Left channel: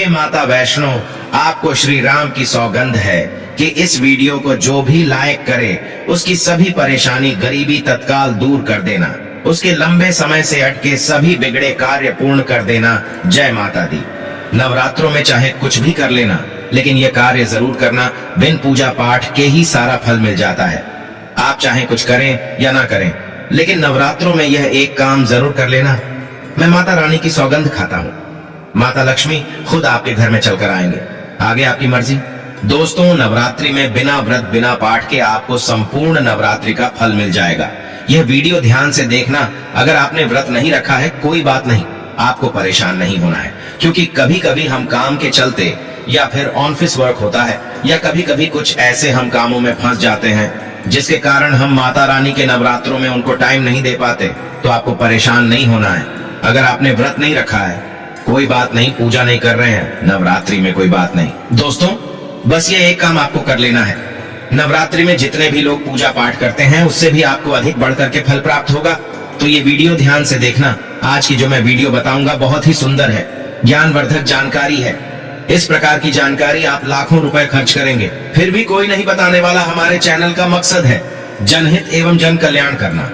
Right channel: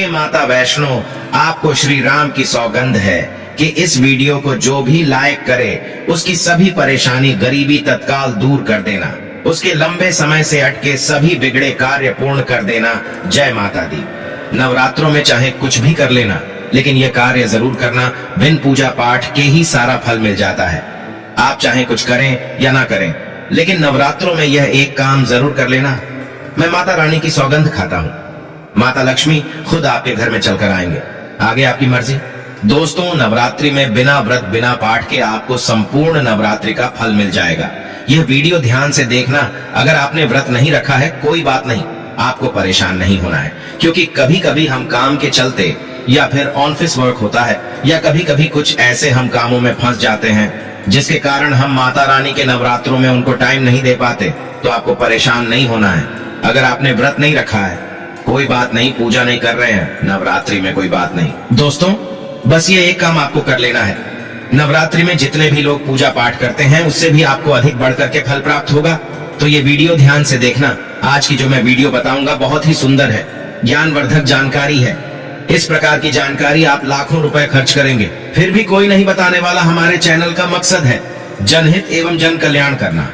हे माता वैष्णो, आपको श्री राम की सौगंध है कि इस वीडियो को जो भी लाइक करे उसकी सभी परेशानी गरीबी तत्काल दूर कर देना, उसके लंबे समय से अटके सभी बिगड़े कार्य पूर्ण कर देना। जय माता दी। नवरात्रों में चाहे कुछ भी कर लेना, लेकिन ये कार्य जरूर करना। बिन पूजा पाठ के ही सारा फल मिल जाता है। आप चाहे कुछ करें या ना करें, लेकिन नवरात्रों में यह एक काम जरूर कर लेना। मैं माता रानी की सौगंध खाता हूँ, माता लक्ष्मी खुद आपके घर में चलकर आएंगे। आगे आपकी मर्जी। दोस्तों, नवरात्रि में बिना व्रत बिना पाठ के आपको संपूर्ण नवरात्रि का फल मिल जाएगा। यह वीडियो ध्यान से देखना। अगर आपने व्रत नहीं रखा है कोई बात नहीं, आपको परेशान नहीं होना है, क्योंकि कभी कभी हम काम के चलते या फिर ऑफिस वर्क होता है या कभी कभी कुछ ऐसे हम कामों में फंस जाते हैं जिसके कारण हम माता रानी के नवरात्रों में उनको टाइम नहीं दे पाते। तो आपको परेशान नहीं होना है। अगर आपने व्रत नहीं रखा है कोई बात नहीं, पूजा नहीं कर रहे हैं नवरात्रि में कोई बात नहीं। दोस्तों, बस ये एक काम आपको कर लेना है। नवरात्रि में जितने भी लोग पूजा पाठ करते हैं उससे भी आपको अधिक बढ़कर के फल प्राप्त होगा। तो ये वीडियो ध्यान से देखना। आज की जो मैं वीडियो बताऊंगा बहुत ही सुंदर है, ज्ञानवर्धक जानकारी है। इस प्रकार की जानकारी आप लाखों रुपए खर्च करेंगे फिर भी कोई नहीं बताने वाला। हमारे चैनल का मकसद है जनहित एवं जन कल्याण करना,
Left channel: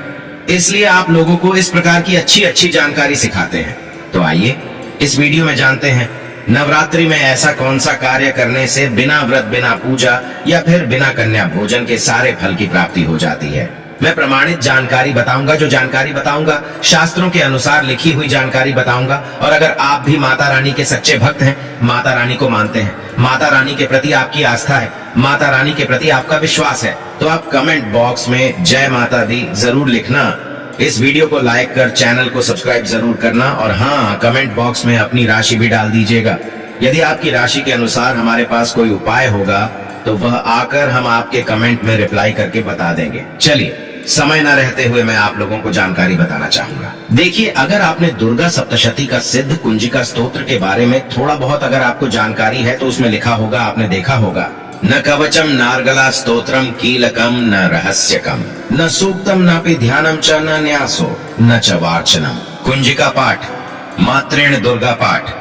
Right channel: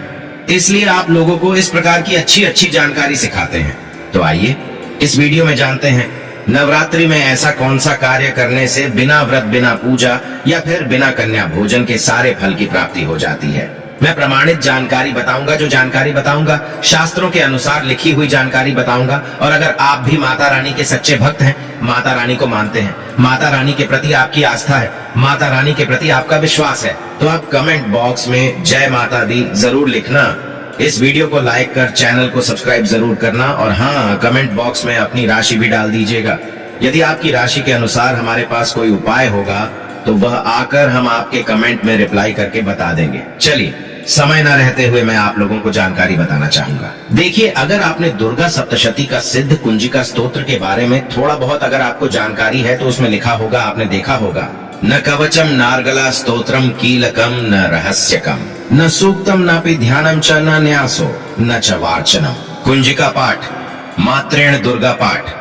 इसलिए आप लोगों को इस प्रकार की अच्छी अच्छी जानकारी सिखाते हैं। तो आइए इस वीडियो में जानते हैं नवरात्रि में ऐसा कौन सा कार्य करने से बिना व्रत बिना पूजा या फिर बिना कन्या भोजन के सारे फल की प्राप्ति हो जाती है। मैं प्रमाणित जानकारी बताऊंगा। जो जानकारी बताऊंगा शास्त्रों के अनुसार लिखी हुई जानकारी बताऊंगा। और अगर आप भी माता रानी के सच्चे भक्त हैं, माता रानी को मानते हैं, माता रानी के प्रति आपकी आस्था है, माता रानी के प्रति आपका विश्वास है, तो आप कमेंट बॉक्स में जय माता दी जरूर लिखना। इस वीडियो को लाइक कर चैनल को सब्सक्राइब जरूर करना। और हाँ, कमेंट बॉक्स में अपनी राशि भी डाल दीजिएगा। यदि आपकी राशि के अनुसार हमारे पास कोई उपाय होगा तो वह आकर हम आपके कमेंट में रिप्लाई करके बता देंगे। चलिए, समय न रहते हुए मैं आप लोगों को जानकारी बताना चाहूंगा। देखिए, अगर आपने दुर्गा सप्तशती का सिद्ध कुंजिका स्तोत्र के बारे में थोड़ा बहुत अगर आपको जानकारी है तो उसमें लिखा होगा, आपने देखा होगा, न कवचम नार्गला स्तोत्रम कीलकम न रहस्यकम न सूक्तम नापि ध्यानम च न न्यासो न च वार्चनम। कुंजिका पाठ मात्रेण दुर्गा पाठ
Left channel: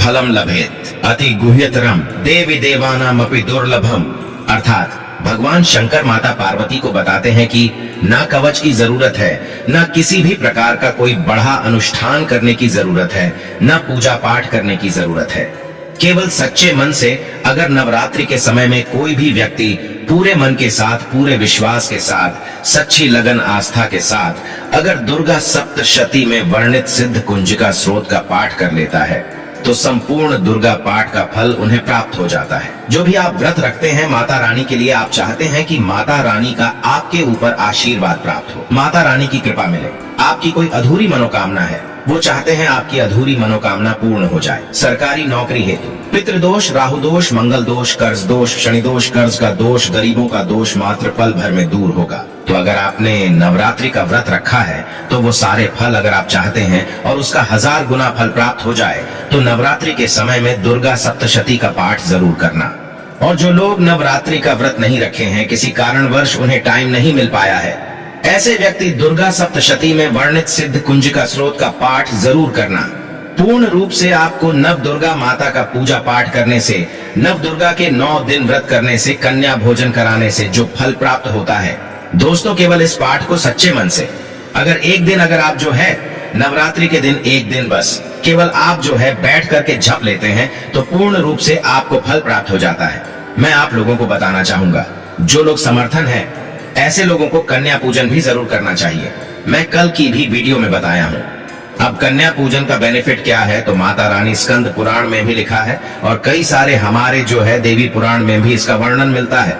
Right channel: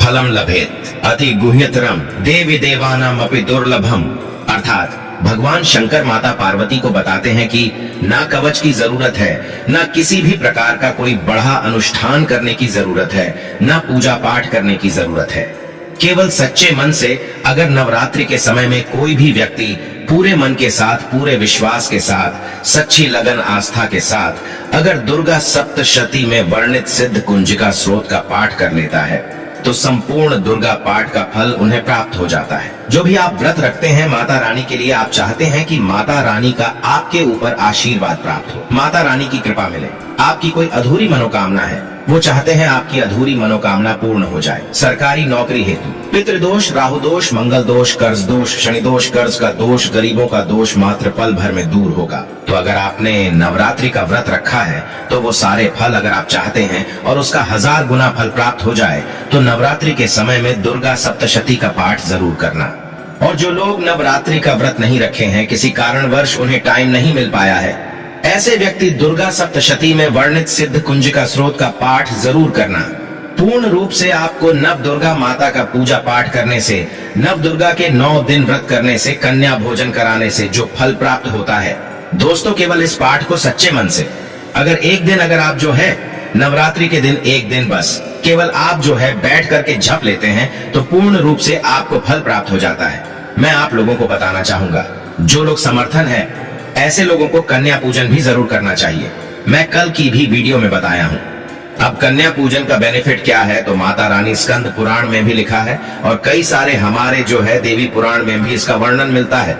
फलम लभेत अति गुह्यतरम देवी देवानाम अपि दुर्लभम। अर्थात भगवान शंकर माता पार्वती को बताते हैं कि ना कवच की जरूरत है, ना किसी भी प्रकार का कोई बढ़ा अनुष्ठान करने की जरूरत है, ना पूजा पाठ करने की जरूरत है। केवल सच्चे मन से अगर नवरात्रि के समय में कोई भी व्यक्ति पूरे मन के साथ, पूरे विश्वास के साथ, सच्ची लगन आस्था के साथ अगर दुर्गा सप्तशती में वर्णित सिद्ध कुंजिका स्रोत का पाठ कर लेता है तो संपूर्ण दुर्गा पाठ का फल उन्हें प्राप्त हो जाता है। जो भी आप व्रत रखते हैं माता रानी के लिए, आप चाहते हैं कि माता रानी का आपके ऊपर आशीर्वाद प्राप्त हो, माता रानी की कृपा मिले। आपकी कोई अधूरी मनोकामना है, वो चाहते हैं आपकी अधूरी मनोकामना पूर्ण हो जाए। सरकारी नौकरी हेतु पितृदोष, राहु दोष, मंगल दोष, कर्ज दोष, शनि दोष, कर्ज का दोष, गरीबों का दोष मात्र पल भर में दूर होगा। तो अगर आपने नवरात्रि का व्रत रखा है तो वो सारे फल अगर आप चाहते हैं और उसका 1000 गुना फल प्राप्त हो जाए तो नवरात्रि के समय में दुर्गा सप्तशती का पाठ जरूर करना। और जो लोग नवरात्रि का व्रत नहीं रखे हैं, किसी कारणवश उन्हें टाइम नहीं मिल पाया है, ऐसे व्यक्ति दुर्गा सप्तशती में वर्णित सिद्ध कुंजिका स्रोत का पाठ जरूर करना। पूर्ण रूप से आपको नव दुर्गा माता का पूजा पाठ करने से, नव दुर्गा के 9 दिन व्रत करने से, कन्या भोजन कराने से जो फल प्राप्त होता है, दोस्तों केवल इस पाठ को सच्चे मन से अगर एक दिन अगर आप जो है नवरात्रि के दिन एक दिन बस केवल आप जो है बैठ करके जप लेते हैं तो पूर्ण रूप से आपको फल प्राप्त हो जाता है। मैं आप लोगों को बताना चाहूंगा, जो लोग समर्थन है ऐसे लोगों को कन्या पूजन भी जरूर करना चाहिए। मैं कल की भी वीडियो में बताया हूँ। अब कन्या पूजन का बेनिफिट क्या है तो माता रानी स्कंद पुराण में भी लिखा है और कई सारे हमारे जो है देवी पुराण में भी इसका वर्णन मिलता है।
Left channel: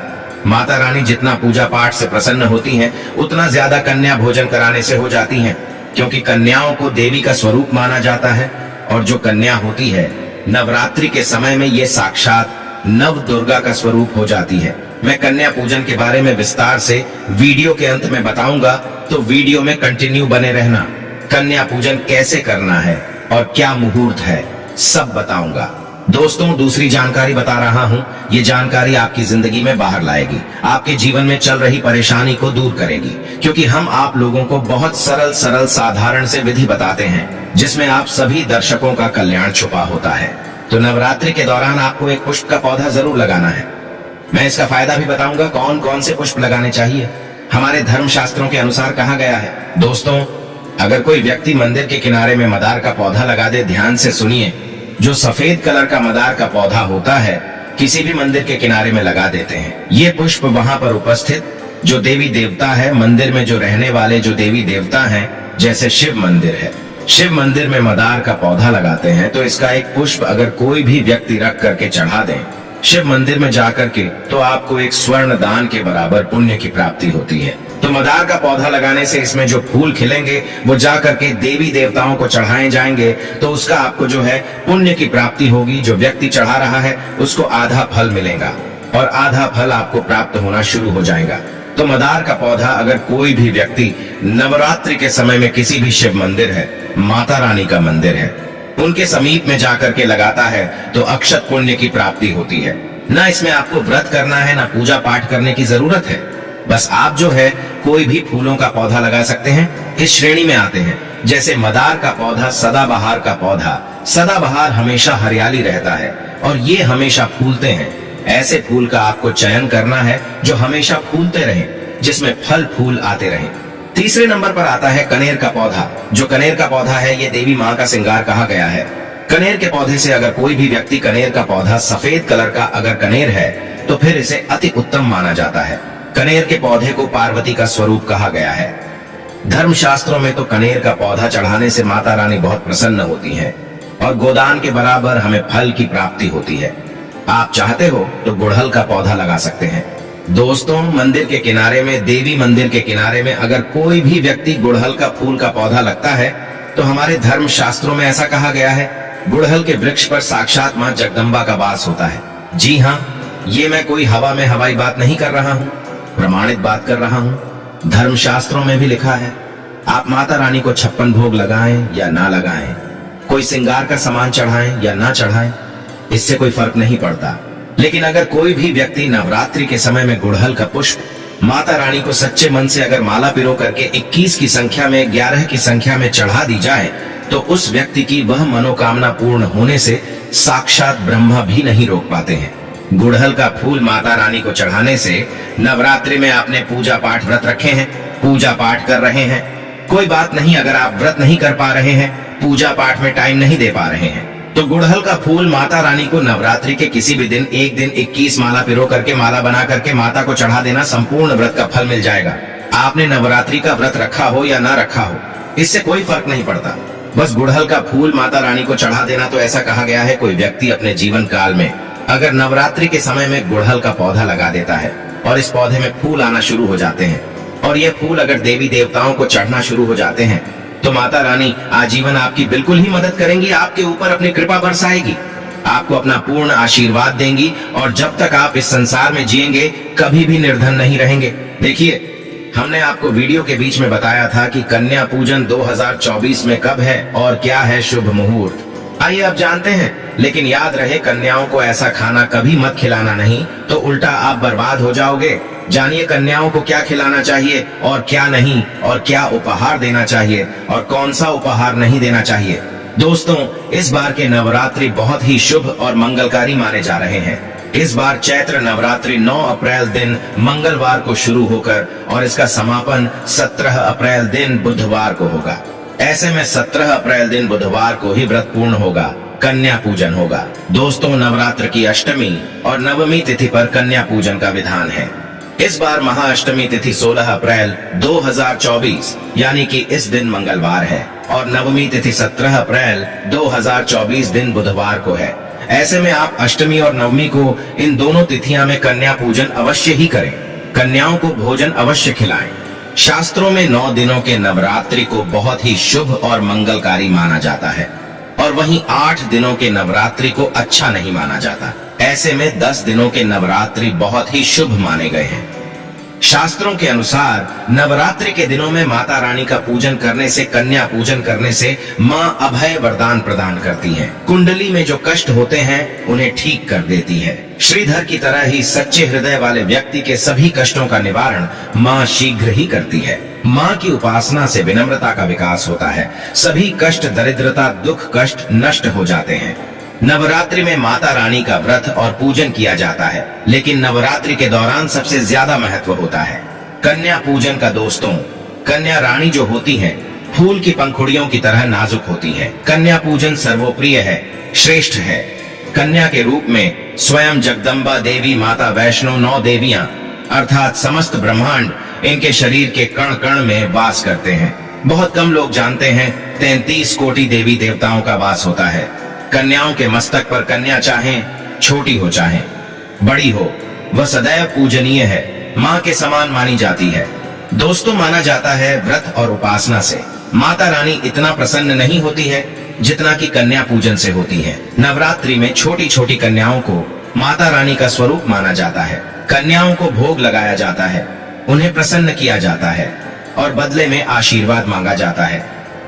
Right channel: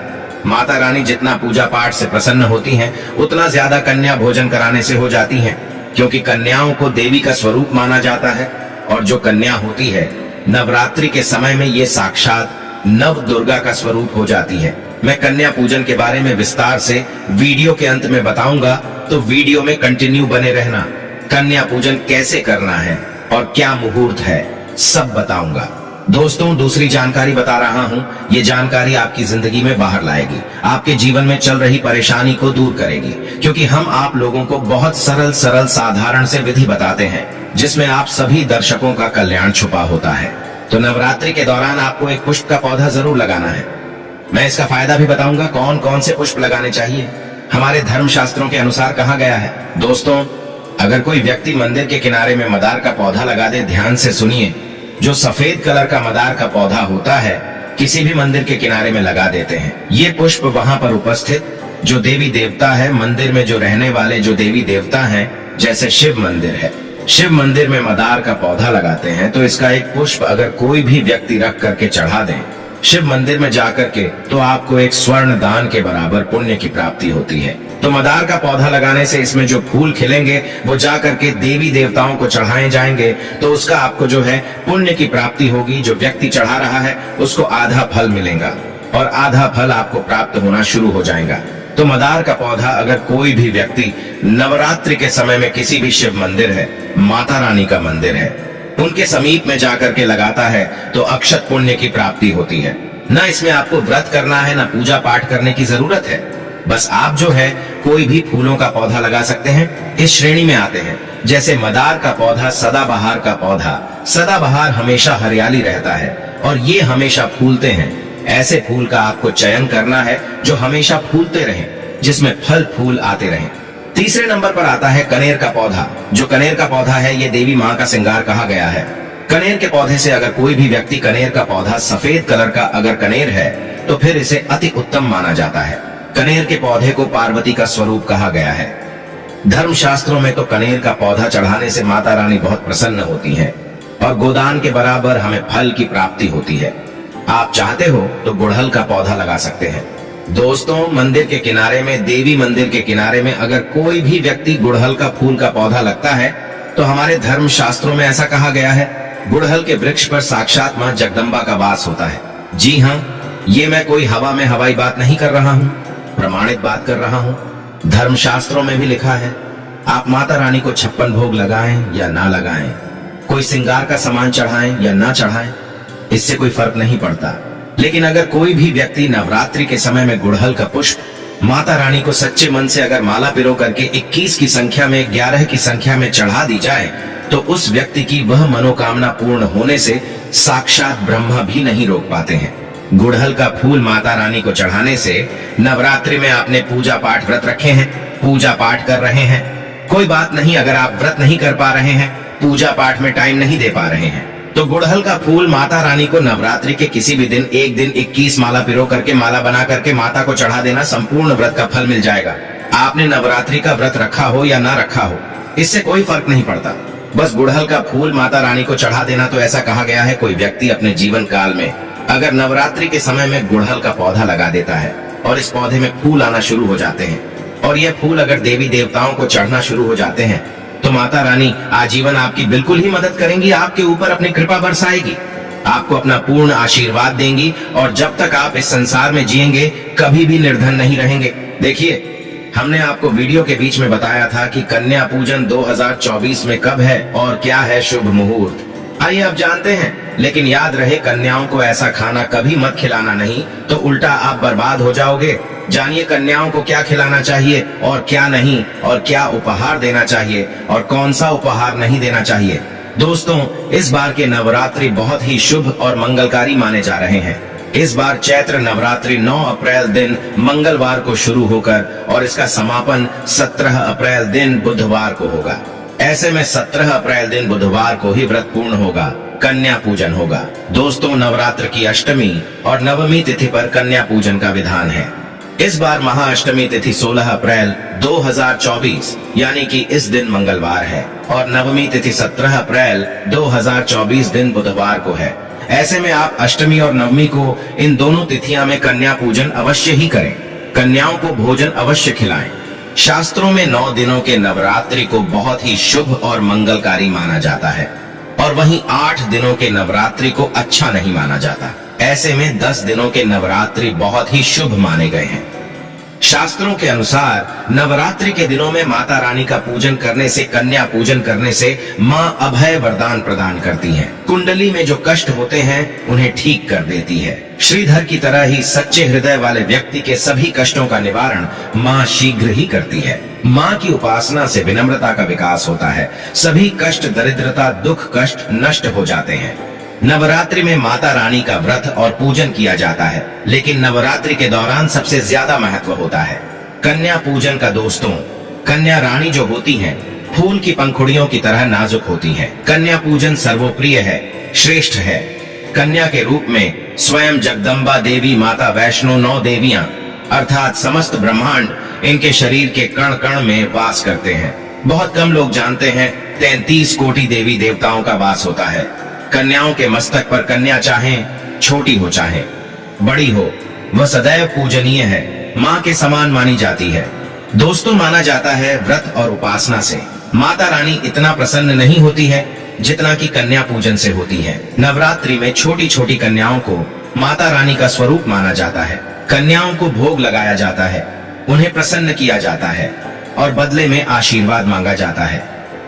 माता रानी जितना पूजा पाठ से प्रसन्न होती हैं, उतना ज्यादा कन्या भोजन कराने से हो जाती हैं, क्योंकि कन्याओं को देवी का स्वरूप माना जाता है। और जो कन्या होती है नवरात्रि के समय में ये साक्षात नव दुर्गा का स्वरूप हो जाती है। मैं कन्या पूजन के बारे में विस्तार से वीडियो के अंत में बताऊंगा, तो वीडियो में कंटिन्यू बने रहना। कन्या पूजन कैसे करना है और क्या मुहूर्त है सब बताऊंगा। दोस्तों, दूसरी जानकारी बता रहा हूँ, ये जानकारी आपकी जिंदगी में बाहर लाएगी, आपके जीवन में चल रही परेशानी को दूर करेगी, क्योंकि हम आप लोगों को बहुत सरल साधारण से विधि बताते हैं जिसमें आप सभी दर्शकों का कल्याण छुपा होता है। तो नवरात्रि के दौरान आपको एक पुष्प का पौधा जरूर लगाना है। मैं इसका फायदा भी बताऊंगा कौन कौन से पुष्प लगाने चाहिए। हमारे धर्म शास्त्रों के अनुसार कहा गया है। दोस्तों, अगर कोई व्यक्ति मंदिर के किनारे में मदार का पौधा लगा दे, ध्यान से सुनिए, जो सफेद कलर का मदार का पौधा होता है किसी भी मंदिर के किनारे में लगा देते हैं। ये पुष्प वहां पर उपस्थित जो देवी देवता है, मंदिर में जो रहने वाले जो देवी देवता हैं, जैसे शिव मंदिर है, शिव मंदिर में मदार का पौधा लगाते हैं, तो इसका एक पुष्प अगर कोई भी व्यक्ति रख करके चढ़ा दें शिव मंदिर में जाकर के, तो आपको एक स्वर्ण दान के बराबर पुण्य की प्राप्ति होती है। तो मदार का पौधा लगाने से इसमें जो फूल खिलेंगे वो जाकर के देवी देवताओं को चढ़ाए जाएंगे, तो उसका आपको जो है पुण्य की प्राप्ति होगी। जो व्यक्ति चढ़ा रहा है उसको आधा फल मिलेगा और आधा फल आपको प्राप्त होना शुरू हो जाएगा। तो मदार का पौधा अगर कोई भी व्यक्ति नवरात्रि के समय में किसी भी शिव मंदिर है, माता रानी का मंदिर है, उनके समीप में जाकर के लगाता है तो अक्षत पुण्य की प्राप्ति होती है। न इसमें आपको व्रत करना है, न पूजा पाठ करने की जरूरत है। बस आप जो है कोई भी फूलों का पौधा लगा सकते हैं। इस श्रेणी में आते हैं जैसे मदार का पौधा, सदाबहार का पौधा। सदाबहार हमेशा हरियाली रहता है और ये हमेशा फूलते हैं। ऐसे फूल का आपको चयन करना है जो हमेशा फूलते रहें, जिसमें फल फूल आते रहें। तीसरे नंबर पर आता है कनेर का पौधा। जो कनेर का पौधा है ये देवी माँ का श्रृंगार कहा गया है। कनेर के पौधे से अगर कोई भी व्यक्ति कनेर का पौधा सफेद कलर का अगर कनेर है तो फिर इसे अति उत्तम माना जाता है। कनेर के पौधे को पार्वती का स्वरूप कहा गया है। धर्म शास्त्रों में तो कनेर का पौधा चढ़ाने से माता रानी बहुत प्रसन्न होती है और गोदान के बराबर हमें फल की प्राप्ति होती है। आप चाहते हो तो गुड़हल का पौधा लगा सकते हैं। दोस्तों, मंदिर के किनारे में, देवी मंदिर के किनारे में अगर कोई भी व्यक्ति गुड़हल का फूल का पौधा लगता है तो हमारे धर्म शास्त्रों में ऐसा कहा गया है, गुड़हल के वृक्ष पर साक्षात मां जगदम्बा का वास होता है। जी हाँ, ये मैं कोई हवा में हवाई बात नहीं कर रहा हूँ, प्रमाणित बात कर रहा हूँ। धर्म शास्त्रों में भी लिखा है, आप माता रानी को 56 भोग लगाएं या ना लगाएं, कोई श्रृंगार का सामान चढ़ाएं या ना चढ़ाएं, इससे कोई फर्क नहीं पड़ता। लेकिन अगर कोई भी व्यक्ति नवरात्रि के समय में गुड़हल का पुष्प माता रानी को सच्चे मन से अगर माला पिरो करके 21 की संख्या में, 11 की संख्या में चढ़ा दी जाए तो उस व्यक्ति की वह मनोकामना पूर्ण होने से साक्षात ब्रह्मा भी नहीं रोक पाते हैं। गुड़हल का फूल माता रानी को चढ़ाने से नवरात्रि में आपने पूजा पाठ व्रत रखे हैं, पूजा पाठ कर रहे हैं, कोई बात नहीं। अगर आप व्रत नहीं कर पा रहे हैं, पूजा पाठ में टाइम नहीं दे पा रहे हैं, तो गुड़हल का फूल माता रानी को नवरात्रि के किसी भी दिन, एक दिन 21 माला पिरो करके, माला बना करके माता को चढ़ा देना, संपूर्ण व्रत का फल मिल जाएगा। आपने नवरात्रि का व्रत रखा हो या ना रखा हो, इससे कोई फर्क नहीं पड़ता। बस गुड़हल का फूल माता रानी को चढ़ा देना। तो ऐसा कहा गया है, कोई व्यक्ति अपने जीवन काल में अगर नवरात्रि के समय में गुड़हल का पौधा लगा देता है और इस पौधे में फूल आना शुरू हो जाते हैं और ये फूल अगर देवी देवताओं को चढ़ना शुरू हो जाते हैं तो माता रानी आजीवन आपकी बिल्कुल ही मदद करेंगी, आपके ऊपर अपनी कृपा बरसाएगी, आपको अपना पूर्ण आशीर्वाद देंगी और जब तक आप इस संसार में जिएंगे कभी भी निर्धन नहीं रहेंगे। देखिए, हमने आपको वीडियो के बीच में बताया था कि कन्या पूजन 2024 में कब है और क्या है शुभ मुहूर्त। आइए अब जानते हैं, लेकिन याद रहे कन्याओं को ऐसा खाना कभी मत खिलाना नहीं, तो उल्टा आप बर्बाद हो जाओगे। जानिए कन्याओं को क्या खिलाना चाहिए और क्या नहीं, और क्या उपहार देना चाहिए और कौन सा उपहार नहीं देना चाहिए। दोस्तों, इस बार के नवरात्रि बहुत ही शुभ और मंगलकारी माने जा रहे हैं। इस बार चैत्र नवरात्रि 9 अप्रैल दिन मंगलवार को शुरू होकर और इसका समापन 17 अप्रैल दिन बुधवार को होगा। ऐसे में 17 अप्रैल दिन बुधवार को ही व्रत पूर्ण होगा, कन्या पूजन होगा। दोस्तों, नवरात्र की अष्टमी और नवमी तिथि पर कन्या पूजन का विधान है। इस बार महाअष्टमी तिथि 16 अप्रैल 2024 यानी कि इस दिन मंगलवार है और नवमी तिथि 17 अप्रैल 2024 दिन बुधवार को है। ऐसे में आप अष्टमी और नवमी को, इन दोनों तिथियां में कन्या पूजन अवश्य ही करें। कन्याओं को भोजन अवश्य खिलाएं। शास्त्रों में 9 दिनों के नवरात्रि को बहुत ही शुभ और मंगलकारी माना जाता है और वहीं 8 दिनों के नवरात्रि को अच्छा नहीं माना जाता। ऐसे में 10 दिनों के नवरात्रि बहुत ही शुभ माने गए हैं। शास्त्रों के अनुसार नवरात्रि के दिनों में माता रानी का पूजन करने से, कन्या पूजन करने से माँ अभय वरदान प्रदान करती हैं। कुंडली में जो कष्ट होते हैं उन्हें ठीक कर देती है। श्रीधर की तरह ही सच्चे हृदय वाले व्यक्ति के सभी कष्टों का निवारण माँ शीघ्र ही करती है। माँ की उपासना से विनम्रता का विकास होता है। सभी कष्ट, दरिद्रता, दुख, कष्ट नष्ट हो जाते हैं। नवरात्रि में माता रानी का व्रत और पूजन किया जाता है, लेकिन नवरात्रि के दौरान सबसे ज्यादा महत्व होता है कन्या पूजन का। दोस्तों, कन्या रानी जो होती हैं, फूल की पंखुड़ियों की तरह नाजुक होती हैं। कन्या पूजन सर्वप्रिय है, श्रेष्ठ है। कन्या के रूप में स्वयं जगदम्बा देवी, माता वैष्णो, 9 देवियां अर्थात समस्त ब्रह्मांड इनके शरीर के कण कण में वास करते हैं। बहुत कम लोग जानते हैं 33 कोटि देवी देवताओं का वास होता है। कन्याओं के मस्तक पर कन्या चाहे छोटी हो चाहे बड़ी हो, वह सदैव पूजनीय है, माँ के समान मानी जाती है। दोस्तों, माना जाता है व्रत और उपासना से माता रानी इतना प्रसन्न नहीं होती है जितना कि कन्या पूजन से होती है। नवरात्रि में छोटी छोटी कन्याओं को माता रानी का स्वरूप माना जाता है। कन्याओं को भोग लगाया जाता है, उन्हें प्रसन्न किया जाता है और बदले में आशीर्वाद मांगा जाता है।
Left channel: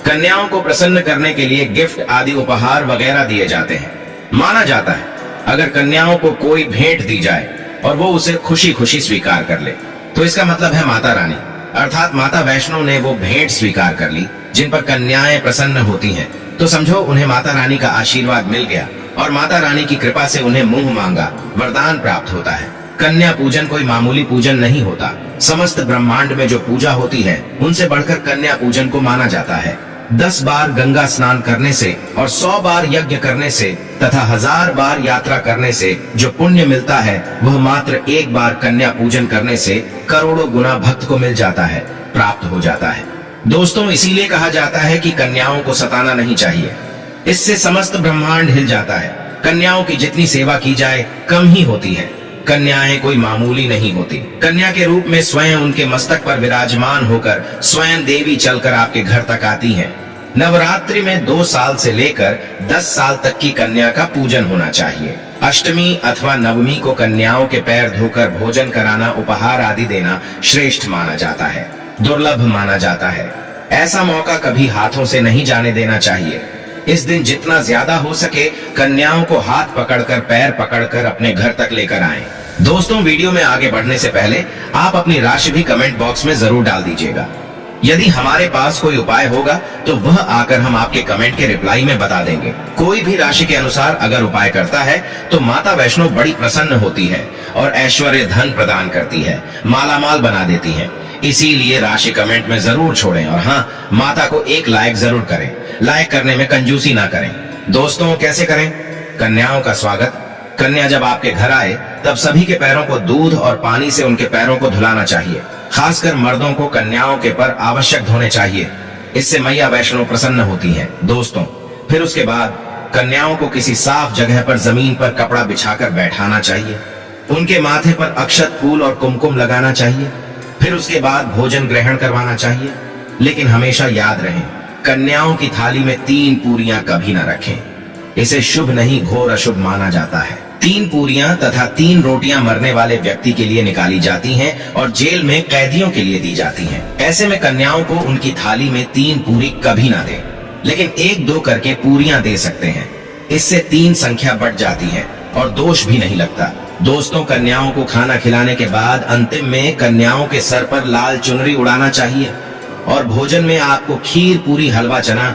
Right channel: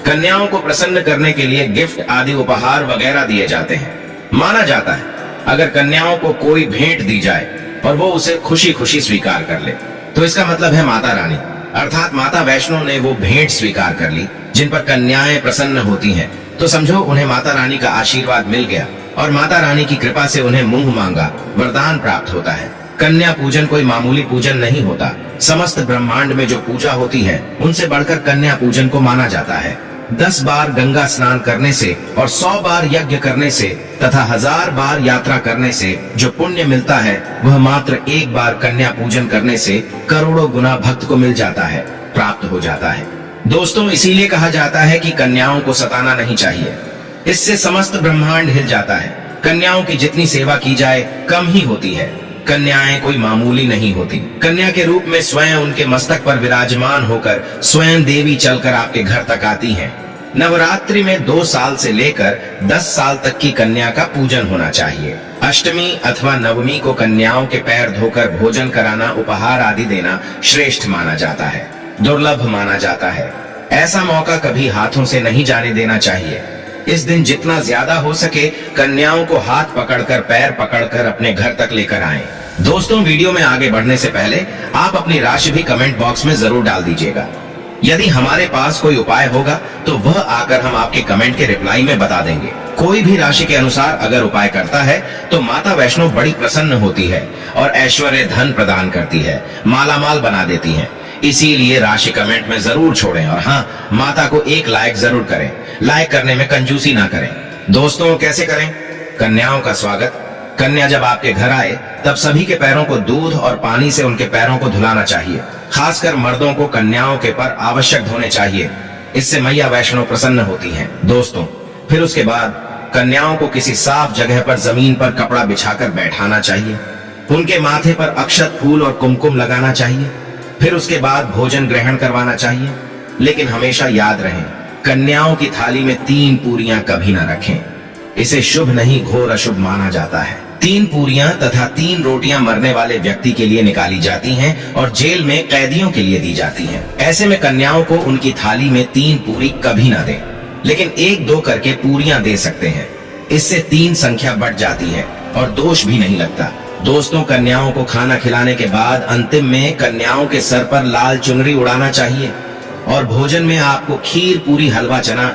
कन्याओं को प्रसन्न करने के लिए गिफ्ट आदि उपहार वगैरह दिए जाते हैं। माना जाता है अगर कन्याओं को कोई भेंट दी जाए और वो उसे खुशी खुशी स्वीकार कर ले तो इसका मतलब है माता रानी अर्थात माता वैष्णो ने वो भेंट स्वीकार कर ली। जिन पर कन्याएं प्रसन्न होती हैं तो समझो उन्हें माता रानी का आशीर्वाद मिल गया और माता रानी की कृपा से उन्हें मुंह मांगा वरदान प्राप्त होता है। कन्या पूजन कोई मामूली पूजन नहीं होता। समस्त ब्रह्मांड में जो पूजा होती है उनसे बढ़कर कन्या पूजन को माना जाता है। 10 बार गंगा स्नान करने से और 100 बार यज्ञ करने से तथा 1000 बार यात्रा करने से जो पुण्य मिलता है वह मात्र एक बार कन्या पूजन करने से करोड़ों गुना भक्त को मिल जाता है, प्राप्त हो जाता है। दोस्तों, इसीलिए कहा जाता है कि कन्याओं को सताना नहीं चाहिए, इससे समस्त ब्रह्मांड हिल जाता है। कन्याओं की जितनी सेवा की जाए कम ही होती है। कन्याएं कोई मामूली नहीं होती। कन्या के रूप में स्वयं उनके मस्तक पर विराजमान होकर स्वयं देवी चलकर आपके घर तक आती हैं। नवरात्रि में 2 साल से लेकर 10 साल तक की कन्या का पूजन होना चाहिए। अष्टमी अथवा नवमी को कन्याओं के पैर धोकर भोजन कराना, उपहार आदि देना श्रेष्ठ माना जाता है, दुर्लभ माना जाता है। ऐसा मौका कभी हाथों से नहीं जाने देना चाहिए। इस दिन जितना ज्यादा हो सके कन्याओं को हाथ पकड़कर, पैर पकड़कर अपने घर तक लेकर आएं। दोस्तों, वीडियो में आगे बढ़ने से पहले आप अपनी राशि भी कमेंट बॉक्स में जरूर डाल दीजिएगा। यदि हमारे पास कोई उपाय होगा तो वह आकर हम आपके कमेंट के रिप्लाई में बता देंगे। कोई भी राशि के अनुसार अगर उपाय करता है तो माता वैष्णो बड़ी प्रसन्न होती है और ऐश्वर्य धन प्रदान करती है, मालामाल बना देती है। इसीलिए राशि कमेंट में जरूर छोड़ें और हाँ, माता को एक लाइक जरूर करें। लाइक करने में कंजूसी ना करें। दोस्तों, कैसे करें? कन्याओं का स्वागत। कन्या जब आपके घर आए तब सभी के पैरों को दूध और पानी से उनके पैरों को धुलाना चाहिए। खासकर मर्दों को कन्याओं के पर आवश्यक धोने चाहिए, इससे मैया वैष्णो प्रसन्न होती है। दोस्तों, फिर उसके बाद कन्याओं को किसी साफ जगह पर जमीन पर कपड़ा बिछाकर बैठाना चाहिए। उनके माथे पर अक्षत, फूल और कुमकुम लगाना चाहिए। फिर उसके बाद भोजन ग्रहण करवाना चाहिए। लेकिन हमेशा याद रहे, कन्याओं की थाली में 3 पूरियां कभी न रखें। इसे शुभ नहीं, घोर अशुभ माना जाता है। 3 पूरियां तथा 3 रोटियां मरने वाले व्यक्ति के लिए निकाली जाती हैं और जेल में कैदियों के लिए दी जाती हैं। ऐसे में कन्याओं को उनकी थाली में 3 पूरी कभी ना दें, लेकिन 1-2 करके पूरियां दे सकते हैं। इससे 3 संख्या बढ़ जाती है और दोष भी नहीं लगता। दोस्तों, कन्याओं को खाना खिलाने के बाद अंतिम में कन्याओं के सर पर लाल चुनरी उड़ाना चाहिए और भोजन में आपको खीर, पूरी, हलवा, चना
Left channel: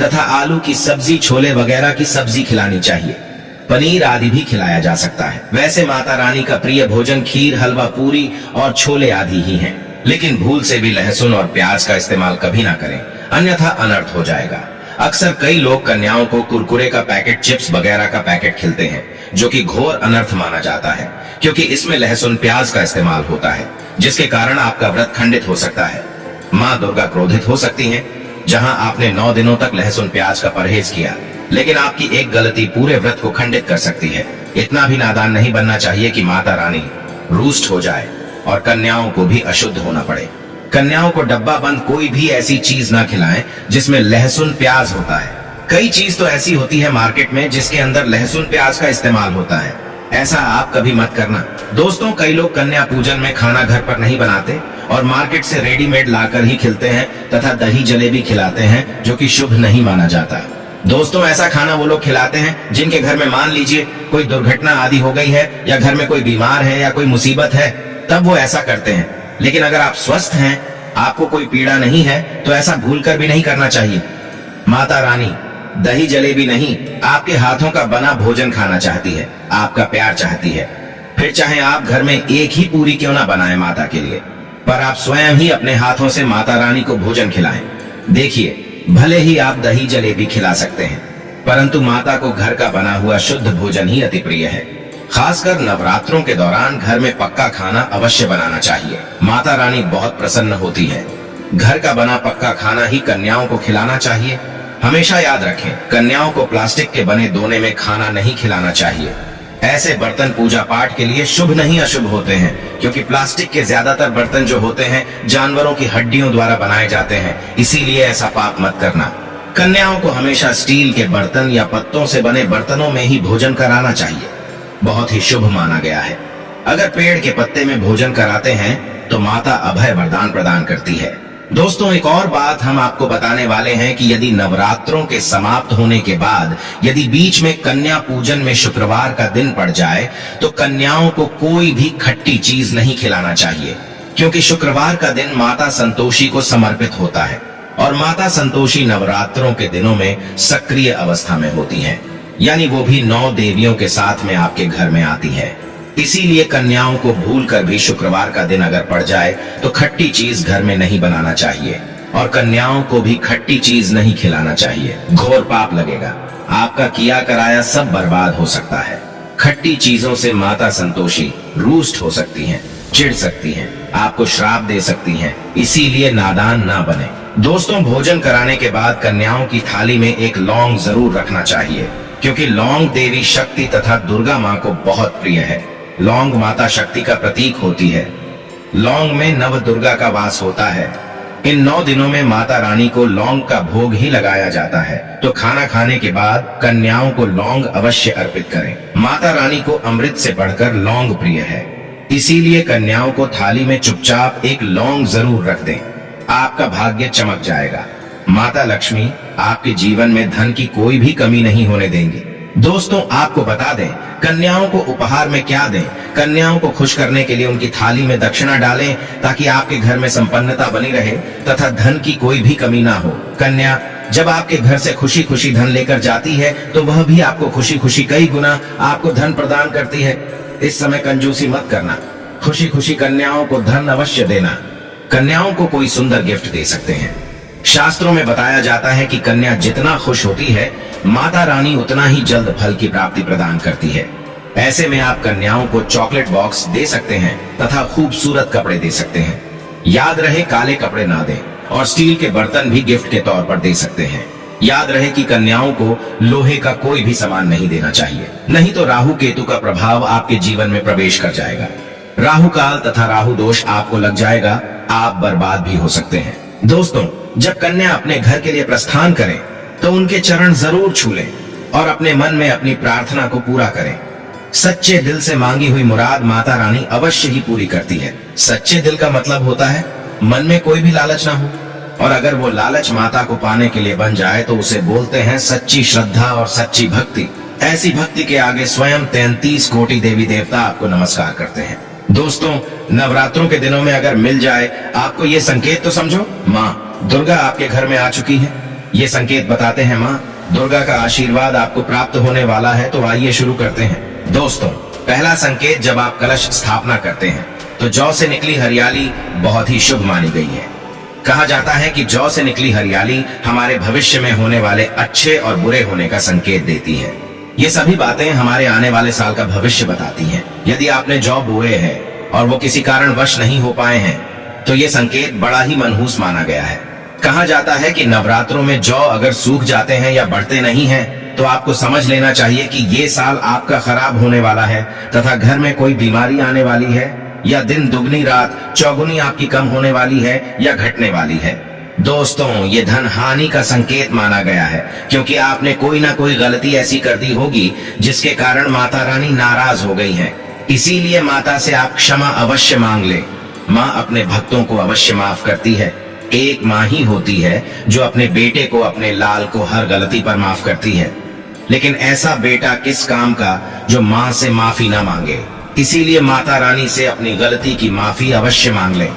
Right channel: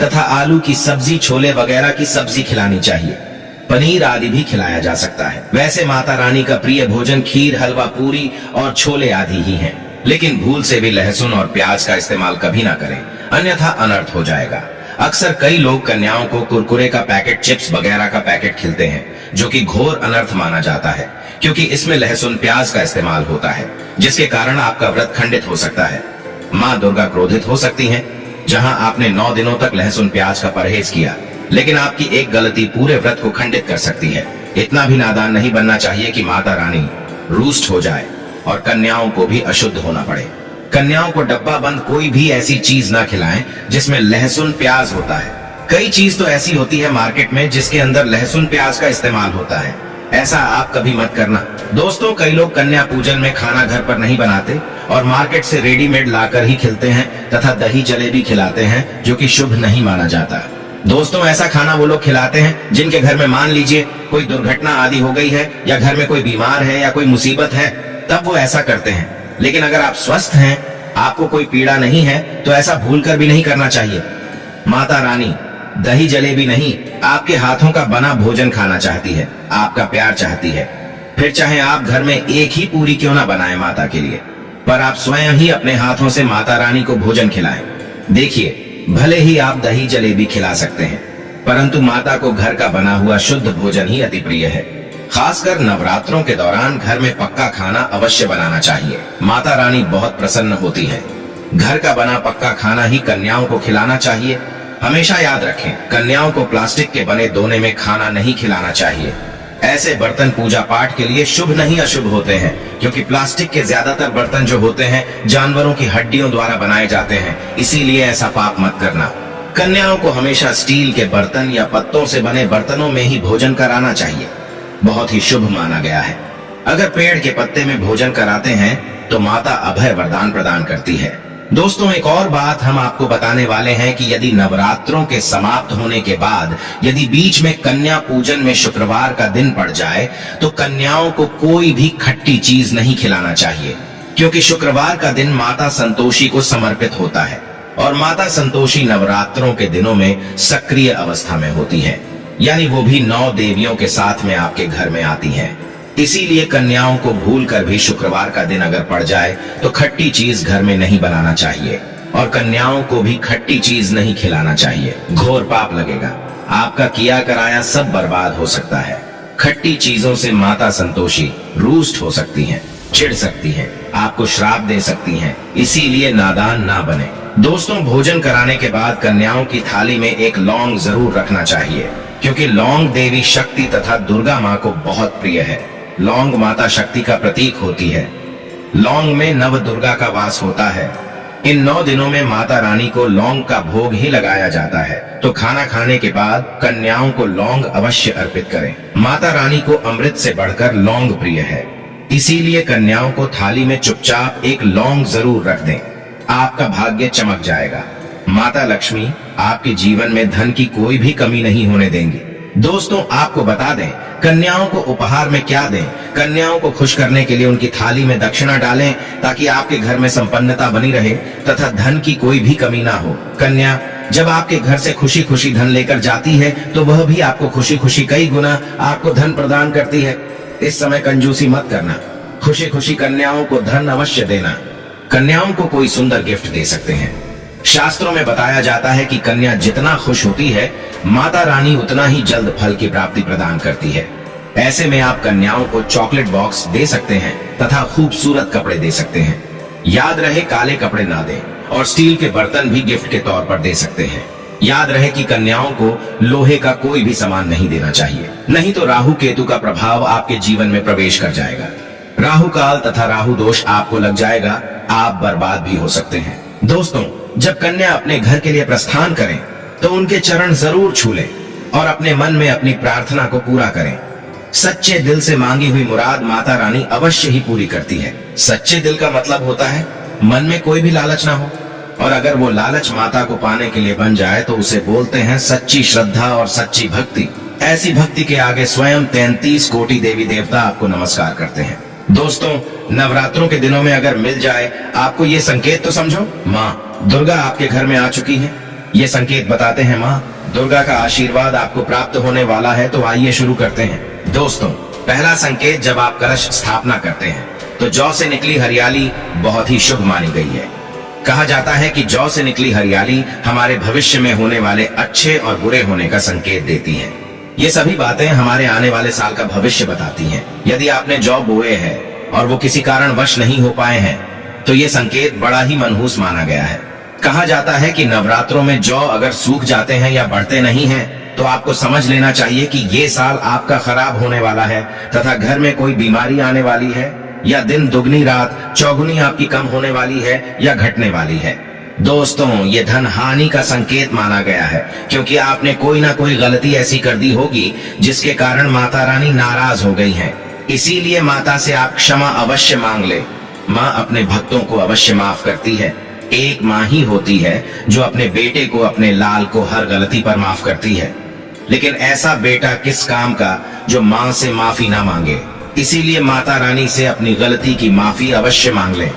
तथा आलू की सब्जी, छोले वगैरह की सब्जी खिलानी चाहिए। पनीर आदि भी खिलाया जा सकता है। वैसे माता रानी का प्रिय भोजन खीर, हलवा, पूरी और छोले आदि ही हैं। लेकिन भूल से भी लहसुन और प्याज का इस्तेमाल कभी ना करें, अन्यथा अनर्थ हो जाएगा। अक्सर कई लोग कन्याओं को कुरकुरे का पैकेट, चिप्स वगैरह का पैकेट खिलाते हैं, जो कि घोर अनर्थ माना जाता है, क्योंकि इसमें लहसुन, प्याज का इस्तेमाल होता है, जिसके कारण आपका व्रत खंडित हो सकता है। माँ दुर्गा क्रोधित हो सकती हैं। जहां आपने 9 दिनों तक लहसुन प्याज का परहेज किया, लेकिन आपकी एक गलती पूरे व्रत को खंडित कर सकती है। इतना भी नादान नहीं बनना चाहिए कि माता रानी रुष्ट हो जाए और कन्याओं को भी अशुद्ध होना पड़े। कन्याओं को डब्बा बंद कोई भी ऐसी चीज ना खिलाएं जिसमें लहसुन प्याज होता है। कई चीज तो ऐसी होती है मार्केट में जिसके अंदर लहसुन प्याज का इस्तेमाल होता है। ऐसा आप कभी मत करना। दोस्तों, कई लोग कन्या पूजन में खाना घर पर नहीं बनाते और मार्केट से रेडीमेड लाकर ही खिलाते हैं तथा दही जलेबी खिलाते हैं, जो कि शुभ नहीं माना जाता। दोस्तों, ऐसा खाना वो लोग खिलाते हैं जिनके घर में मान लीजिए कोई दुर्घटना आदि हो गई है या घर में कोई बीमार है या कोई मुसीबत है, तब वो ऐसा करते हैं। लेकिन अगर आप स्वस्थ हैं, आपको कोई पीड़ा नहीं है, तो ऐसा भूलकर भी नहीं करना चाहिए। माता रानी दही जलेबी नहीं, आपके हाथों का बना भोजन खाना चाहती है, आपका प्यार चाहती है। फिर चाहे आप घर में एक ही पूरी क्यों ना बनाएं माता के लिए, पर आप स्वयं ही अपने हाथों से माता रानी को भोजन खिलाएं। देखिए, भले ही आप दही जलेबी खिला सकते हैं, परंतु माता को घर का बना हुआ शुद्ध भोजन ही अति प्रिय है। खासकर नवरात्रों के दौरान घर में पक्का खाना अवश्य बनाना चाहिए। माता रानी बहुत प्रसन्न होती है। घर का बना पक्का खाना ही कन्याओं को खिलाना चाहिए। हमेशा याद रखें, कन्याओं को प्लास्टिक के बने दोने में खाना नहीं खिलाना चाहिए। ऐसे बर्तन पूजा पाठ के लिए शुभ नहीं अशुभ होते हैं, क्योंकि प्लास्टिक के ज्यादातर बर्तन जो होते हैं जानवरों की हड्डियों द्वारा बनाए जाते हैं, इसीलिए ऐसा पाप मत करना। कन्याओं को हमेशा स्टील के बर्तन या पत्तों से बने बर्तनों में ही भोजन कराना चाहिए, बहुत ही शुभ माना गया है। अगर पेड़ के पत्ते में भोजन कराते हैं तो माता अभय वरदान प्रदान करती है। दोस्तों, एक और बात हम आपको बताने वाले हैं कि यदि नवरात्रों के समाप्त होने के बाद यदि बीच में कन्या पूजन में शुक्रवार का दिन पड़ जाए तो कन्याओं को कोई भी खट्टी चीज नहीं खिलाना चाहिए, क्योंकि शुक्रवार का दिन माता संतोषी को समर्पित होता है और माता संतोषी नवरात्रों के दिनों में सक्रिय अवस्था में होती हैं, यानी वो भी 9 देवियों के साथ में आपके घर में आती है। इसीलिए कन्याओं को भूलकर भी शुक्रवार का दिन अगर पड़ जाए तो खट्टी चीज घर में नहीं बनाना चाहिए और कन्याओं को भी खट्टी चीज नहीं खिलाना चाहिए। घोर पाप लगेगा, आपका किया कराया सब बर्बाद हो सकता है। खट्टी चीजों से माता संतोषी रूष्ट हो सकती हैं, चिढ़ सकती हैं, आपको श्राप दे सकती हैं, इसीलिए नादान ना बने। दोस्तों, भोजन कराने के बाद कन्याओं की थाली में एक लौंग जरूर रखना चाहिए, क्योंकि लौंग देवी शक्ति तथा दुर्गा माँ को बहुत प्रिय है। लौंग माता शक्ति का प्रतीक होती है। लौंग में नव दुर्गा का वास होता है। इन 9 दिनों में माता रानी को लौंग का भोग ही लगाया जाता है, तो खाना खाने के बाद कन्याओं को लौंग अवश्य अर्पित करें। माता रानी को अमृत से बढ़कर लौंग प्रिय है, इसीलिए कन्याओं को थाली में चुपचाप एक लौंग जरूर रख दें। आपका भाग्य चमक जाएगा। माता लक्ष्मी आपके जीवन में धन की कोई भी कमी नहीं होने देंगी। दोस्तों, आपको बता दें, कन्याओं को उपहार में क्या दें। कन्याओं को खुश करने के लिए उनकी थाली में दक्षिणा डालें, ताकि आपके घर में संपन्नता बनी रहे तथा धन की कोई भी कमी ना हो। कन्या जब आपके घर से खुशी खुशी धन लेकर जाती है तो वह भी आपको खुशी खुशी कई गुना आपको धन प्रदान करती है। इस समय कंजूसी मत करना, खुशी खुशी कन्याओं को धन अवश्य देना। कन्याओं को कोई सुंदर गिफ्ट दे सकते हैं। शास्त्रों में बताया जाता है कि कन्या जितना खुश होती है, माता रानी उतना ही जल्द फल की प्राप्ति प्रदान करती है। ऐसे में आप कन्याओं को चॉकलेट बॉक्स दे सकते हैं तथा खूबसूरत कपड़े दे सकते हैं। याद रहे, काले कपड़े ना दें और स्टील के बर्तन भी गिफ्ट के तौर पर दे सकते हैं। याद रहे कि कन्याओं को लोहे का कोई भी सामान नहीं देना चाहिए, नहीं तो राहु केतु का प्रभाव आपके जीवन में प्रवेश कर जाएगा। राहु काल तथा राहु दोष आपको लग जाएगा, आप बर्बाद भी हो सकते हैं। दोस्तों, जब कन्या अपने घर के लिए प्रस्थान करें तो उनके चरण जरूर छू लें और अपने मन में अपनी प्रार्थना को पूरा करें। सच्चे दिल से मांगी हुई मुराद माता रानी अवश्य ही पूरी करती है। सच्चे दिल का मतलब होता है मन में कोई भी लालच ना हो, और अगर वो लालच माता को पाने के लिए बन जाए तो उसे बोलते हैं सच्ची श्रद्धा और सच्ची भक्ति। ऐसी भक्ति के आगे स्वयं 33 कोटि देवी देवता आपको नमस्कार करते हैं। दोस्तों, नवरात्रों के दिनों में अगर मिल जाए आपको ये संकेत, तो समझो माँ दुर्गा आपके घर में आ चुकी है। ये संकेत बताते हैं माँ दुर्गा का आशीर्वाद आपको प्राप्त होने वाला है। तो आइए शुरू करते हैं। दोस्तों, पहला संकेत, जब आप कलश स्थापना करते हैं तो जौ से निकली हरियाली बहुत ही शुभ मानी गई है। कहा जाता है कि जौ से निकली हरियाली हमारे भविष्य में होने वाले अच्छे और बुरे होने का संकेत देती है। ये सभी बातें हमारे आने वाले साल का भविष्य बताती हैं। यदि आपने जौ बोए हैं और वो किसी कारणवश नहीं हो पाए हैं तो ये संकेत बड़ा ही मनहूस माना गया है। कहा जाता है कि नवरात्रों में जौ अगर सूख जाते हैं या बढ़ते नहीं हैं तो आपको समझ लेना चाहिए कि ये साल आपका खराब होने वाला है तथा घर में कोई बीमारी आने वाली है, या दिन दुगनी रात चौगुनी आपकी कम होने वाली है या घटने वाली है। दोस्तों, ये धन हानि का संकेत माना गया है, क्योंकि आपने कोई ना कोई गलती ऐसी कर दी होगी जिसके कारण माता रानी नाराज हो गई हैं। इसीलिए माता से आप क्षमा अवश्य मांग ले। माँ अपने भक्तों को अवश्य माफ करती है। एक माँ ही होती है जो अपने बेटे को, अपने लाल को हर गलती पर माफ करती है, लेकिन ऐसा बेटा किस काम का जो माँ से माफी ना मांगे। इसीलिए माता रानी से अपनी गलती की माफी अवश्य मांग ले।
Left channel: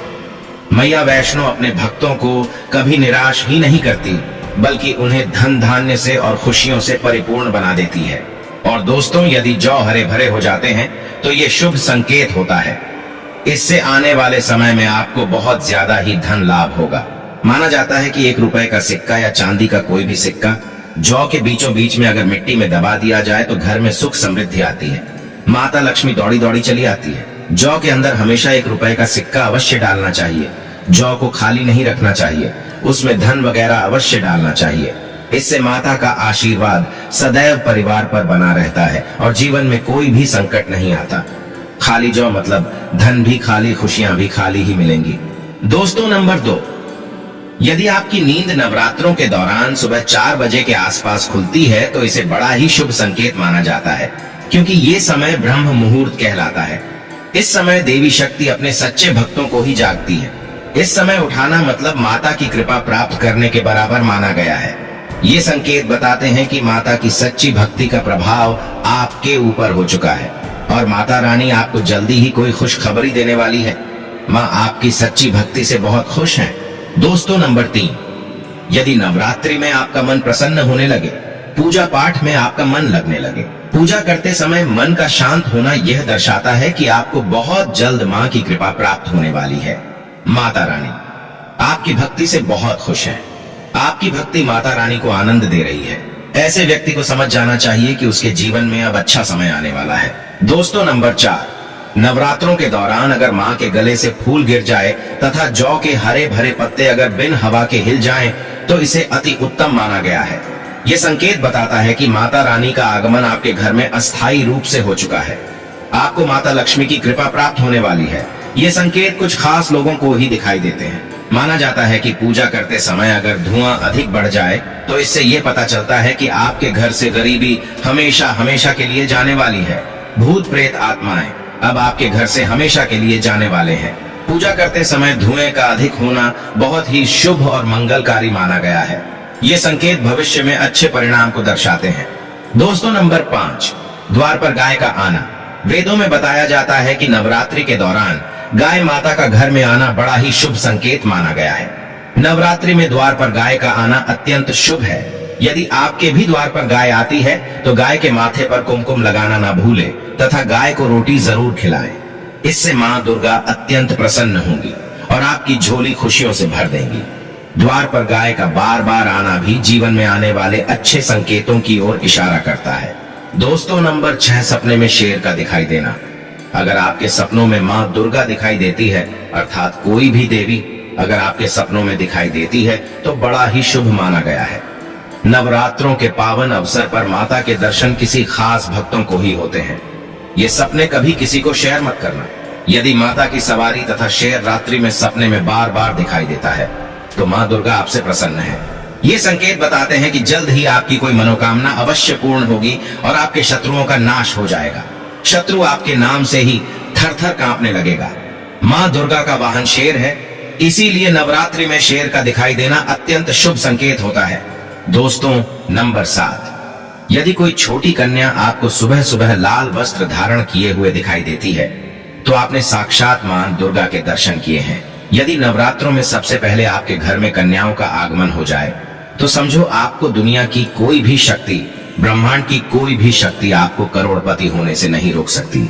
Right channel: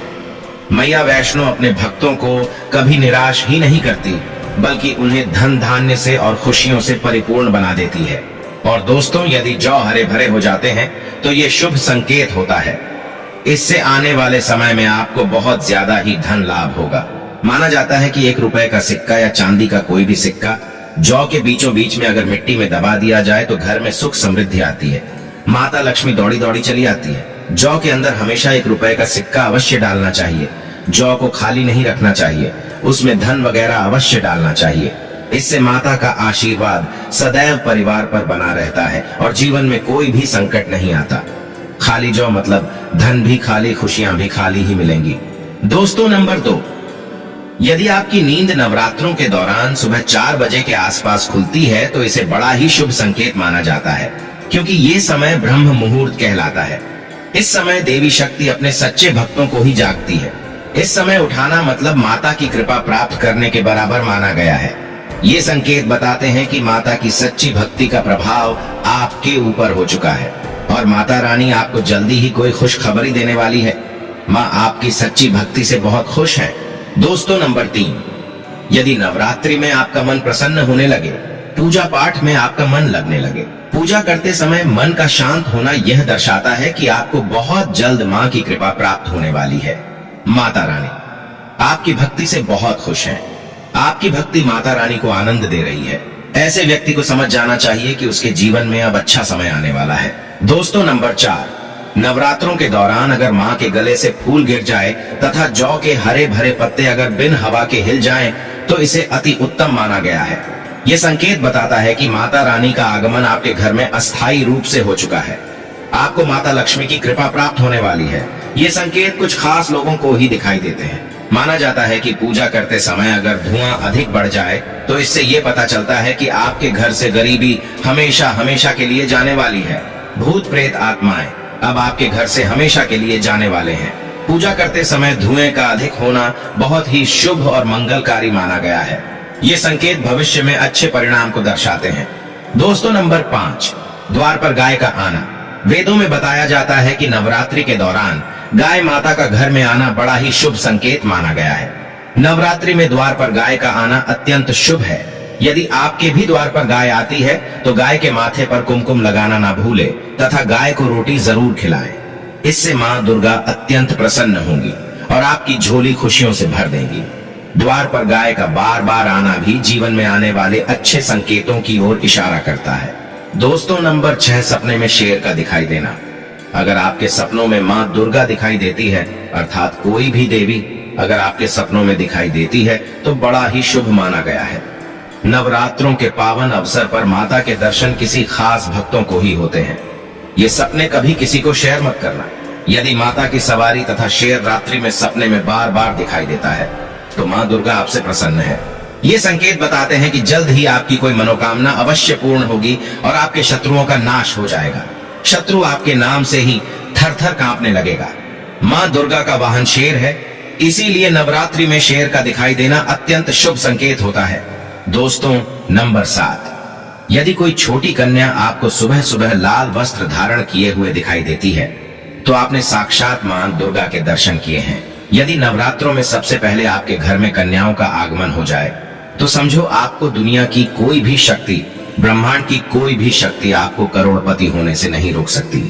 मैया वैष्णो अपने भक्तों को कभी निराश ही नहीं करती। बल्कि उन्हें धन धान्य से और खुशियों से परिपूर्ण बना देती है। और दोस्तों, यदि जौ हरे भरे हो जाते हैं तो ये शुभ संकेत होता है। इससे आने वाले समय में आपको बहुत ज्यादा ही धन लाभ होगा। माना जाता है कि 1 रुपए का सिक्का या चांदी का कोई भी सिक्का जौ के बीचों बीच में अगर मिट्टी में दबा दिया जाए तो घर में सुख समृद्धि आती है, माता लक्ष्मी दौड़ी दौड़ी चली आती है। जौ के अंदर हमेशा 1 रुपए का सिक्का अवश्य डालना चाहिए। जौ को खाली नहीं रखना चाहिए, उसमें धन वगैरह अवश्य डालना चाहिए। इससे माता का आशीर्वाद सदैव परिवार पर बना रहता है और जीवन में कोई भी संकट नहीं आता। खाली जौ मतलब धन भी खाली, खुशियां भी खाली ही मिलेंगी। दोस्तों, नंबर 2, यदि आपकी नींद नवरात्रों के दौरान सुबह 4 बजे के आसपास खुलती है तो इसे बड़ा ही शुभ संकेत माना जाता है, क्योंकि ये समय ब्रह्म मुहूर्त कहलाता है। इस समय देवी शक्ति अपने सच्चे भक्तों को ही जागती है। इस समय उठाना मतलब माता की कृपा प्राप्त करने के बराबर माना गया है। ये संकेत बताते हैं कि माता की सच्ची भक्ति का प्रभाव आपके ऊपर हो चुका है और माता रानी आपको जल्दी ही कोई खुशखबरी देने वाली है। माँ आपकी सच्ची भक्ति से बहुत खुश है। दोस्तों, नंबर 3, यदि नवरात्रि में आपका मन प्रसन्न होने लगे, पूजा पाठ में आपका मन लगने लगे, पूजा करते समय मन का शांत होना यह दर्शाता है कि आपको बहुत जल्द माँ की कृपा प्राप्त होने वाली है। माता रानी आपकी भक्ति से बहुत खुश है। आपकी भक्ति माता रानी को आनंद दे रही है। ऐसे व्यक्ति को समझ जाना चाहिए कि उसके जीवन में अब अच्छा समय आने वाला है। दोस्तों, नंबर 4, नवरात्रों के दौरान अगर माँ के गले से फूल गिर जाए तथा जौ के हरे भरे पत्ते अगर बिन हवा के हिल जाएं, तो इसे अति उत्तम माना गया है। ये संकेत बताता है कि माता रानी का आगमन आपके घर में अस्थायी रूप से हो चुका है। आपको माता लक्ष्मी की कृपा प्राप्त होने वाली है। ये संकेत कुछ खास लोगों को ही दिखाई देते हैं। माना जाता है कि पूजा करते समय अगर धुआं अधिक बढ़ जाए तो इससे ये पता चलता है कि आपके घर से गरीबी हमेशा हमेशा के लिए जाने वाली है। भूत प्रेत आत्माएं अब आपके घर से हमेशा के लिए जाने वाले हैं। पूजा करते समय धुएं का अधिक होना बहुत ही शुभ और मंगलकारी माना गया है। ये संकेत भविष्य में अच्छे परिणाम को दर्शाते हैं। दोस्तों, नंबर 5, द्वार पर गाय का आना। वेदों में बताया जाता है कि नवरात्रि के दौरान गाय माता का घर में आना बड़ा ही शुभ संकेत माना गया है। नवरात्रि में द्वार पर गाय का आना अत्यंत शुभ है। यदि आपके भी द्वार पर गाय आती है तो गाय के माथे पर कुमकुम लगाना ना भूले तथा गाय को रोटी जरूर खिलाएं। इससे माँ दुर्गा अत्यंत प्रसन्न होंगी और आपकी झोली खुशियों से भर देंगी। द्वार पर गाय का बार बार आना भी जीवन में आने वाले अच्छे संकेतों की ओर इशारा करता है। दोस्तों, नंबर 6, सपने में शेर का दिखाई देना। अगर आपके सपनों में माँ दुर्गा दिखाई देती है, अर्थात कोई भी देवी अगर आपके सपनों में दिखाई देती है तो बड़ा ही शुभ माना गया है। नवरात्रों के पावन अवसर पर माता के दर्शन किसी खास भक्तों को ही होते हैं। ये सपने कभी किसी को शेयर मत करना। यदि माता की सवारी तथा शेर रात्रि में सपने में बार बार दिखाई देता है तो माँ दुर्गा आपसे प्रसन्न है। ये संकेत बताते हैं कि जल्द ही आपकी कोई मनोकामना अवश्य पूर्ण होगी और आपके शत्रुओं का नाश हो जाएगा। शत्रु आपके नाम से ही थर थर कांपने लगेगा। माँ दुर्गा का वाहन शेर है, इसीलिए नवरात्रि में शेर का दिखाई देना अत्यंत शुभ संकेत होता है। दोस्तों, नंबर 7, यदि कोई छोटी कन्या आपको सुबह सुबह लाल वस्त्र धारण किए हुए दिखाई देती है तो आपने साक्षात मां दुर्गा के दर्शन किए हैं। यदि नवरात्रों में सबसे पहले आपके घर में कन्याओं का आगमन हो जाए तो समझो आपको दुनिया की कोई भी शक्ति, ब्रह्मांड की कोई भी शक्ति आपको करोड़पति होने से नहीं रोक सकती।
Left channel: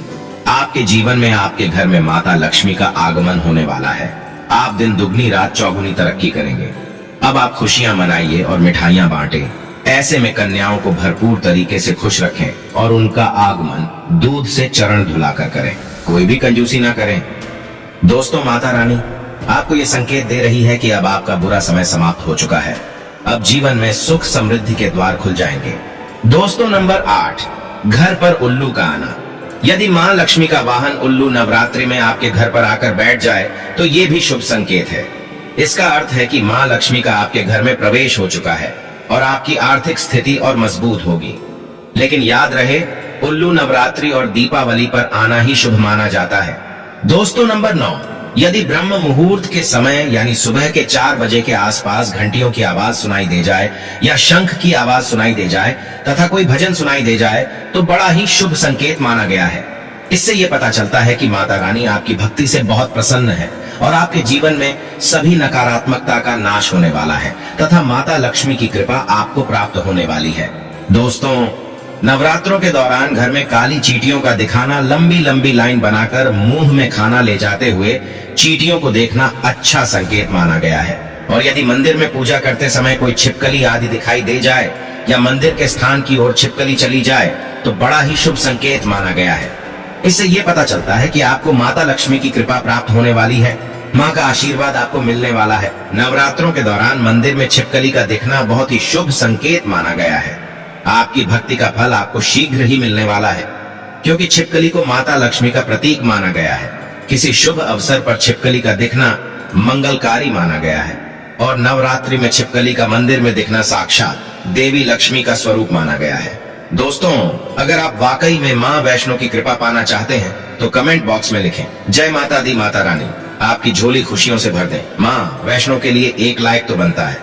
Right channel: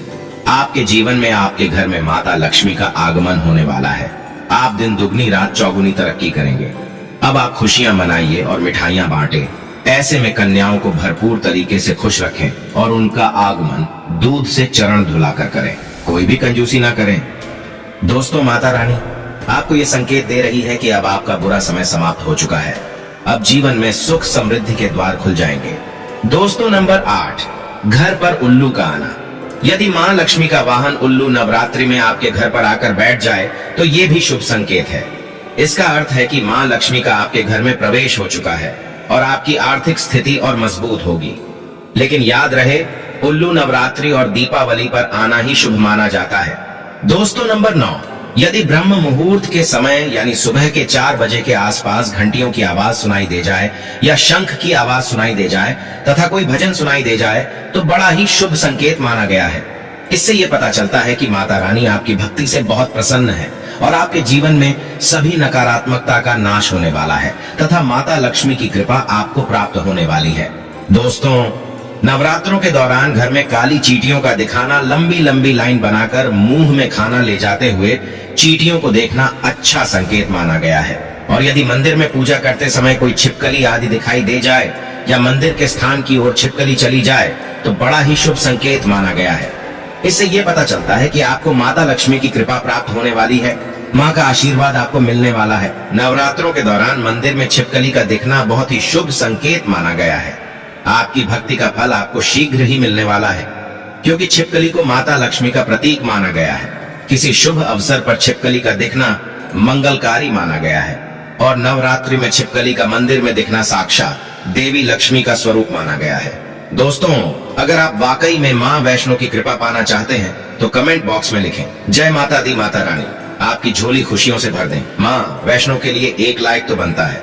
आपके जीवन में आपके घर में माता लक्ष्मी का आगमन होने वाला है। आप दिन दुगनी रात चौगुनी तरक्की करेंगे। अब आप खुशियां मनाइए और मिठाइयां बांटे। ऐसे में कन्याओं को भरपूर तरीके से खुश रखें और उनका आगमन दूध से चरण धुलाकर करें, कोई भी कंजूसी ना करें। दोस्तों, माता रानी आपको ये संकेत दे रही है कि अब आपका बुरा समय समाप्त हो चुका है। अब जीवन में सुख समृद्धि के द्वार खुल जाएंगे। दोस्तों, नंबर 8, घर पर उल्लू का आना। यदि मां लक्ष्मी का वाहन उल्लू नवरात्रि में आपके घर पर आकर बैठ जाए तो ये भी शुभ संकेत है। इसका अर्थ है कि मां लक्ष्मी का आपके घर में प्रवेश हो चुका है और आपकी आर्थिक स्थिति और मजबूत होगी। लेकिन याद रहे, उल्लू नवरात्रि और दीपावली पर आना ही शुभ माना जाता है। दोस्तों, नंबर 9, यदि ब्रह्म मुहूर्त के समय यानी सुबह के 4 बजे के आसपास घंटियों की आवाज सुनाई दे जाए या शंख की आवाज सुनाई दे जाए तथा कोई भजन सुनाई दे जाए तो बड़ा ही शुभ संकेत माना गया है। इससे यह पता चलता है कि माता रानी आपकी भक्ति से बहुत प्रसन्न है और आपके जीवन में सभी नकारात्मकता का नाश होने वाला है तथा माता लक्ष्मी की कृपा आपको प्राप्त होने वाली है। दोस्तों, नवरात्रों के दौरान घर में काली चींटियों का दिखाना, लंबी लंबी लाइन बनाकर मुंह में खाना ले जाते हुए चींटियों को देखना अच्छा संकेत माना गया है। और यदि मंदिर में पूजा करते समय कोई छिपकली आदि दिखाई दे जाए या मंदिर के स्थान की ओर छिपकली चली जाए तो बड़ा ही शुभ संकेत माना गया है। इससे ये पता चलता है कि आपको माता लक्ष्मी की कृपा प्राप्त होने वाली है, माँ का आशीर्वाद आपको मिलने वाला है। नवरात्रों के दौरान मंदिर में छिपकली का दिखना बहुत ही शुभ संकेत माना गया है। आपकी भक्ति का फल आपको शीघ्र ही मिलने वाला है, क्योंकि छिपकली को माता लक्ष्मी का प्रतीक माना गया है। किसी शुभ अवसर पर छिपकली का दिखना मंगलकारी माना गया है और नवरात्रि में छिपकली का मंदिर में दिखना साक्षात देवी लक्ष्मी का स्वरूप माना गया है। दोस्तों, अगर आप वाकई में माँ वैष्णो की कृपा पाना चाहते हैं तो कमेंट बॉक्स में लिखें, जय माता दी माता रानी। आपकी झोली खुशियों से भर दें। माँ वैष्णो के लिए एक लाइक तो बनता है।